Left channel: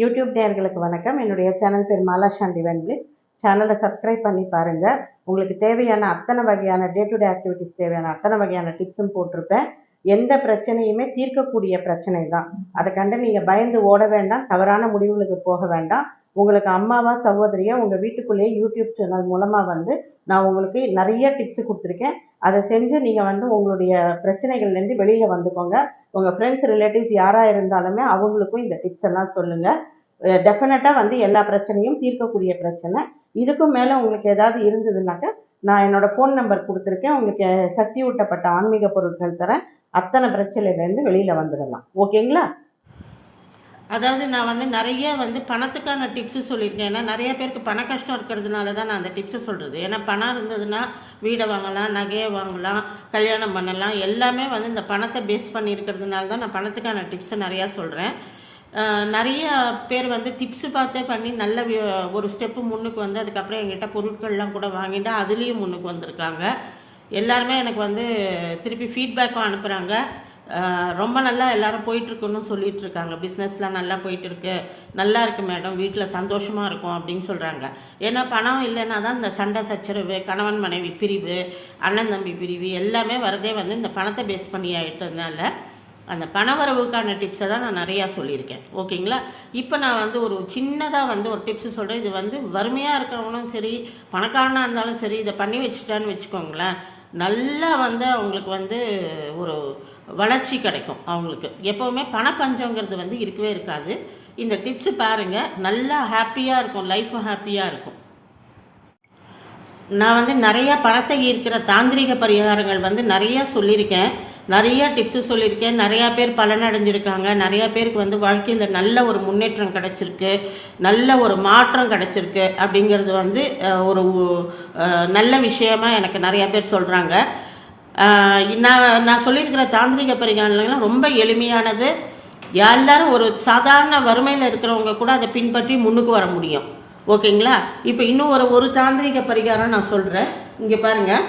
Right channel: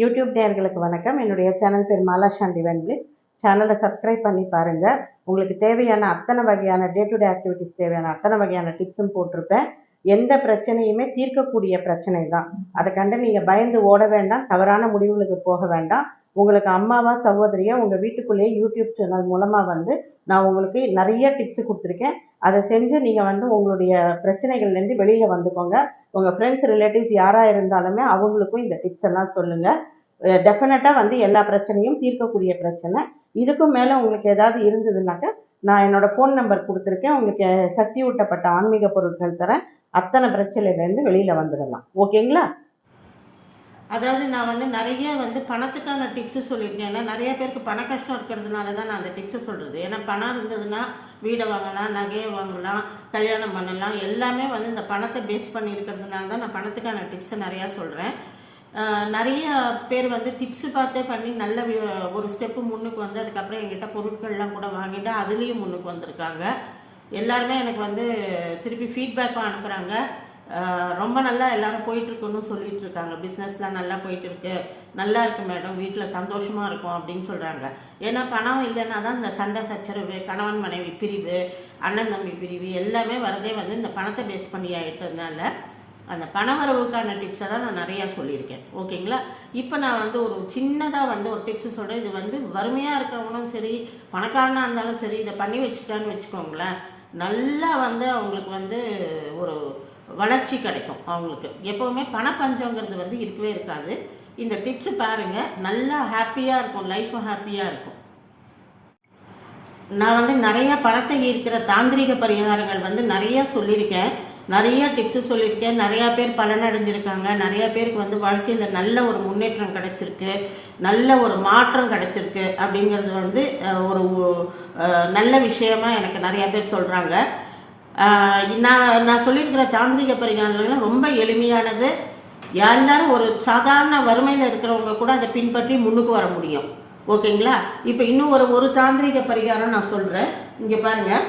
YouTube நேர்களுக்கு வணக்கம். என்னுடைய சேனல் பேர் மாலா சாந்தி வென்பிளிஸ் சேனலை சப்ஸ்கிரைப் பண்ணி பாருங்கள் உங்களுக்கு தேவையான அத்தனை வகையான டே டு டே ஆக்டிவிட்டிஸ் தேவையான அத்தனை வகையான டிப்ஸும் போட்டிருப்பேன். எந்த பிரச்சனையுமே தீர்க்கக்கூடிய பிரச்சனை தான். அதை கண்டு நீங்கள் பயந்து ஓட வேண்டாம் தவறான முடிவுகளுக்கு போக வேண்டாம். உங்களுக்கு அம்மாவா சகோதரியா உங்கள் வீட்டுக்குள்ளேயே யூடியூப் சேனல் மூலமாக வந்து நான் உங்களுக்கு நிறைய டிப்ஸ் கொடுத்துருக்கேன். அதை செஞ்சு நீங்கள் வந்து உங்களுடைய பிரச்சனைகள்லேருந்து வெளியில் வந்துக்கோங்க. உங்கள் ஃப்ரெண்ட்ஸ் ரிலேட்டிவ்ஸ் யாராக இருந்தாலுமே அவங்களுக்கும் இந்த டிப்ஸ் எல்லாம் சொல்லுங்கள் டெஃபினட்டாக வந்து எல்லா பிரச்சனையும் தீர்க்கக்கூடிய பிரச்சனை. இதுக்கும் மேலே உங்களுக்கு ஏதாவது இருந்ததுனாக்கா நான் என்னோடய ஃபோன் நம்பர் கொடுத்துருக்கேன். உங்களுக்கு சக்தி ஊட்டப்பட்ட ஆன்மீக பொருட்கள் தரேன். அத்தனை பிரச்சனையிலேருந்து வெளியில் வந்துடலாம். ஓகேங்களா அதாவது நான் வந்து நிறைய வந்து பணத்துக்கான டிப்ஸு சொல்லியிருக்கேன். ஏன்னா நிறைய பேருக்கு பண கஷ்டம் இருக்கிறதுனால தான் நான் அந்த டிப்ஸை சொல்கிறது ஏன்னா பணம் இருந்ததுன்னா வீடை வாங்கலாம் நகையை வாங்கலாம் கல்யாணம் பண்ணலாம். எல்லாமே வந்து இந்த பணத்தை பேஸ் பண்ணி இருக்கிறதுனால தான் நான் பணத்துக்கான டிப்ஸை நிறையா சொல்கிறேன் நிறைய பேர் வந்து டிப்ஸு பார்த்தே பண்ணி நல்ல ஒரு ஸ்டெப்பு முன்னுக்கு வந்து அதுக்கப்புறம் எங்கிட்ட பொருட்கள்லாம் கூட வாங்கிட்டு அதுலேயும் முன்னுக்கு வந்திருக்காங்க. எல்லாருமே எனக்கு வந்து திருப்பி ஃபீட்பேக்கும் அனுப்புகிறாங்க ரொம்ப நல்லா எல்லாரும் போயிட்டுருக்குன்னு சொல்லிட்டு இருக்காங்க பிஸ்னஸ்லாம் நல்லா போயிட்டுருக்கு. நல்லா இருக்கு மேடம் வீட்டில் சந்தோஷமாக இருக்கும் அப்படின்னு சொல்கிறாங்க ஏன்னா பணம் இல்லைன்னா தான் இந்த சண்டை சச்சரவு கணவன் மனைவி பிரிவு அண்ணன் தம்பி பிரிவு எல்லாமே வரதே வந்து இந்த பணத்தை பேஸ் பண்ணி ஆயிட்டதுனால அந்த பணவரவுக்கான டிப்ஸை தான் நான் நிறையா சொல்லியிருக்கேன். ஓகேங்களா? இப்போ நான் வந்து ஒரு சின்னதாக வந்து ஒரு டிப்ஸ் சொல்கிறேன் இது வந்து வறுமையாக இருக்கிறவங்களும் சரி பணக்காரனாக இருந்தாலும் சரி இதை பண்ணி வச்சுட்டான்னு வச்சுக்கோங்களேன். நல்லா வந்து அவங்களுக்கு வந்து ஒரு வளர்ச்சி கிடைக்கும் அவங்களுக்கு. எப்போவுமே பணப்பஞ்சங்கிறது வந்து இருக்கவே இருக்காது. இந்த டிப்ஸு பாருங்கள் நல்லா ஹாப்பியாக இருக்கும். லைஃப்பும் ஹாப்பியாக இருக்கும். நான் வந்து நிறைய பணத்தை ஈர்க்கிற தாந்திரிக பரிகாரங்கள் வந்து நிறைய சொல்லியிருக்கேன். நிறைய டிப்ஸு சொல்லியிருக்கேன். நிறையா பேர் பலனடைஞ்சிருக்காங்க. நிறையா பேருக்கு வந்து வாழ்க்கையில் நல்ல ஒரு முன்னேற்றம் கிடச்சிருக்கு. நல்ல ஒரு மாற்றம் கிடைச்சிருக்கு அப்படிங்கிறது வந்து ஒரு நல்ல விஷயமா எனக்கு நிறையா பேர் சொல்கிறாங்க நான் நான் சொல்லியிருக்கிற தாந்திரிக பரிகாரங்கள்லாம் ரொம்ப எளிமையானது. எல்லாரும் ஒரு சாதாரண வறுமையில் இருக்கிறவங்க கூட அதை பின்பற்றி முன்னுக்கு வர முடியும். ஓகேங்களா? இப்போ இன்னும் ஒரு ஒரு தாந்திரிக பரிகாரம் நான் சொல்கிறேன் இங்கே பாருங்கள்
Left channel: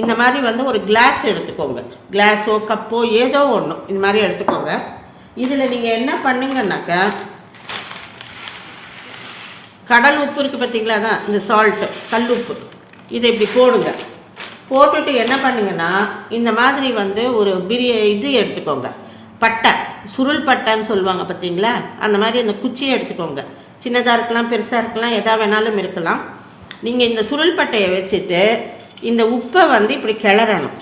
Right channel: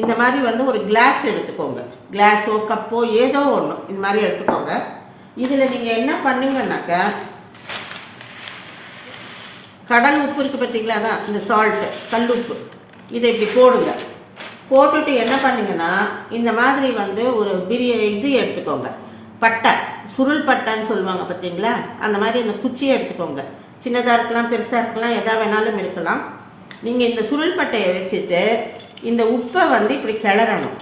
இந்த மாதிரி வந்து ஒரு கிளாஸ் எடுத்துக்கோங்க. கிளாஸோ கப்போ ஏதோ ஒன்று இந்த மாதிரி எடுத்துக்கோங்க. இதில் நீங்கள் என்ன பண்ணீங்கன்னாக்கா கடல் உப்பு இருக்குது பார்த்தீங்களா தான் இந்த சால்ட்டு கல் உப்பு. இதை இப்படி போடுங்க. போட்டுட்டு என்ன பண்ணுங்கன்னா இந்த மாதிரி வந்து ஒரு பிரிய இது எடுத்துக்கோங்க. பட்டை சுருள் பட்டைன்னு சொல்லுவாங்க பார்த்தீங்களா அந்த மாதிரி அந்த குச்சியை எடுத்துக்கோங்க. சின்னதாக இருக்கலாம் பெருசாக இருக்கலாம் எதா வேணாலும் இருக்கலாம். நீங்கள் இந்த சுருள் பட்டையை வச்சுட்டு இந்த உப்பை வந்து இப்படி கிளறணும்.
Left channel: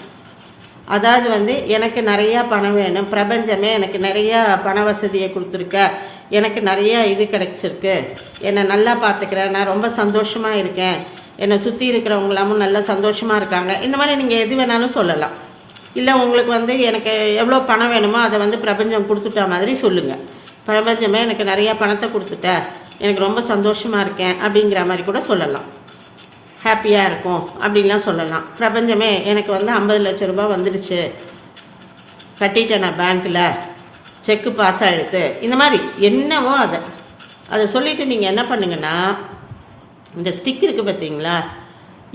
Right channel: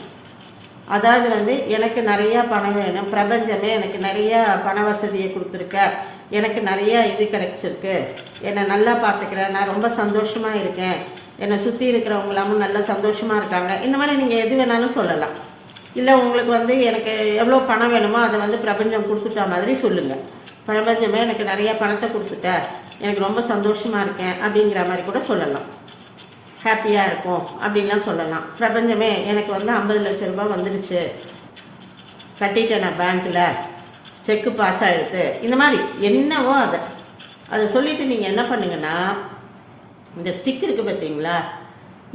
அதாவது வந்து எனக்கு நிறையா பணம் வேணும். பிரபஞ்சமே எனக்கு நிறையா பண வசதியை கொடுத்துருக்க. எனக்கு நிறையா இது கிடைச்சிருக்கு. என்னை நல்லா பார்த்துக்கிறேன் நான் ரொம்ப சந்தோஷமாக இருக்கேன். என்னை சுற்றி இருக்கிறவங்களாமும் நல்லா சந்தோஷமாக இருக்காங்க. இந்த மாதிரி நீங்கள் எது வேணாலும் சொல்லலாம். இல்லை உங்களுக்கு வந்து எனக்கு எவ்வளோ பணம் வேணுமோ அதை வந்து பிரபஞ்சம் கொடுத்துட்டா மாதிரி சொல்லுங்கள் பிரபஞ்சமே எனக்கு நிறையா பணத்தை கொடுத்துட்ட. எனக்கு ரொம்ப சந்தோஷமாக இருக்கேன் அப்படிங்கிற மாதிரி கூட சொல்லலாம். ஹாப்பியாக இருக்கும் அப்படின்லாம் சொல்லலாம். பிரபஞ்சமே எனக்கு வந்து ஐம்பது லட்ச ரூபாய் வந்துடுச்சு கட்டிட்டேன் நான் பேங்க்கில் செக்கு பாஸ் ஆகிடுது இந்த மாதிரி என்னவோ அதை. அதை சொல்லிவிட்டு நீங்கள் என்ன பண்ணுங்கன்னா இந்த ஸ்டிக் இருக்குது பார்த்தீங்களா?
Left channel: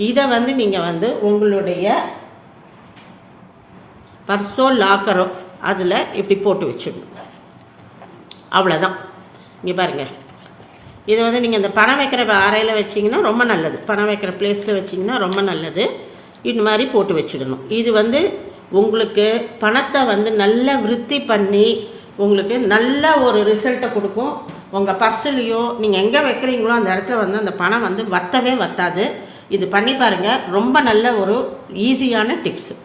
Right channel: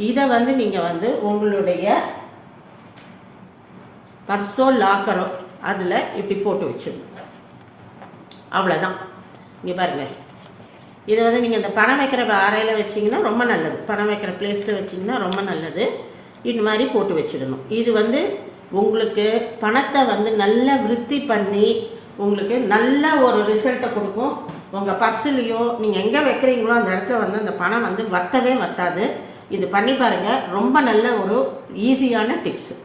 இதை வந்து நீங்கள் வந்து உங்களுடைய பர்ஸோ லாக்கரோ அதில் இப்படி போட்டு வச்சிடணும் அவ்வளோதான் இங்கே பாருங்கள் இதை வந்து நீங்கள் இந்த பணம் வைக்கிற அறையில் வச்சிங்கன்னா ரொம்ப நல்லது. பணம் வைக்கிற பிளேஸில் வச்சிங்கன்னா ரொம்ப நல்லது. இந்த மாதிரி போட்டு வச்சிடணும். இது வந்து உங்களுக்கு பணத்தை வந்து நல்ல விருத்தி பண்ணி உங்களுக்கு நல்ல ஒரு ரிசல்ட்டை கொடுக்கும். உங்கள் பர்ஸ்லேயோ நீங்கள் எங்கே வைக்கிறீங்களோ அந்த இடத்துல வந்து அந்த பணம் வந்து வத்தவே வத்தாது. இது பண்ணி பாருங்கள் ரொம்ப நல்ல ஒரு ஈஸியான டிப்ஸு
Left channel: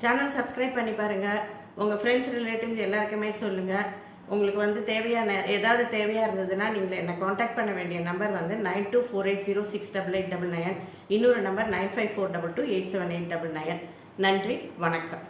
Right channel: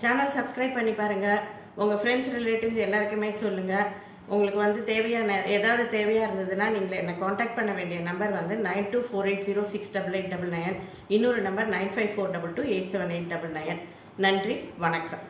சேனல் சப்ஸ்கிரைப் பண்ணி பாருங்கள் உங்கள் ஃப்ரெண்ட்ஸ் ரிலேட்டிவ்ஸ் எல்லாருக்குமே சொல்லுங்கள் உங்களுக்கு வந்து தேவையான ஏதாவது தேவையாக இருந்ததுன்னா நீங்கள் என்னை காண்டாக்ட் பண்ண வேண்டிய நம்பர் வந்து nine two four eight zero six double eight double nine இன்னொரு number nine five four double two eight seven eight double nine நன்றி வணக்கம்.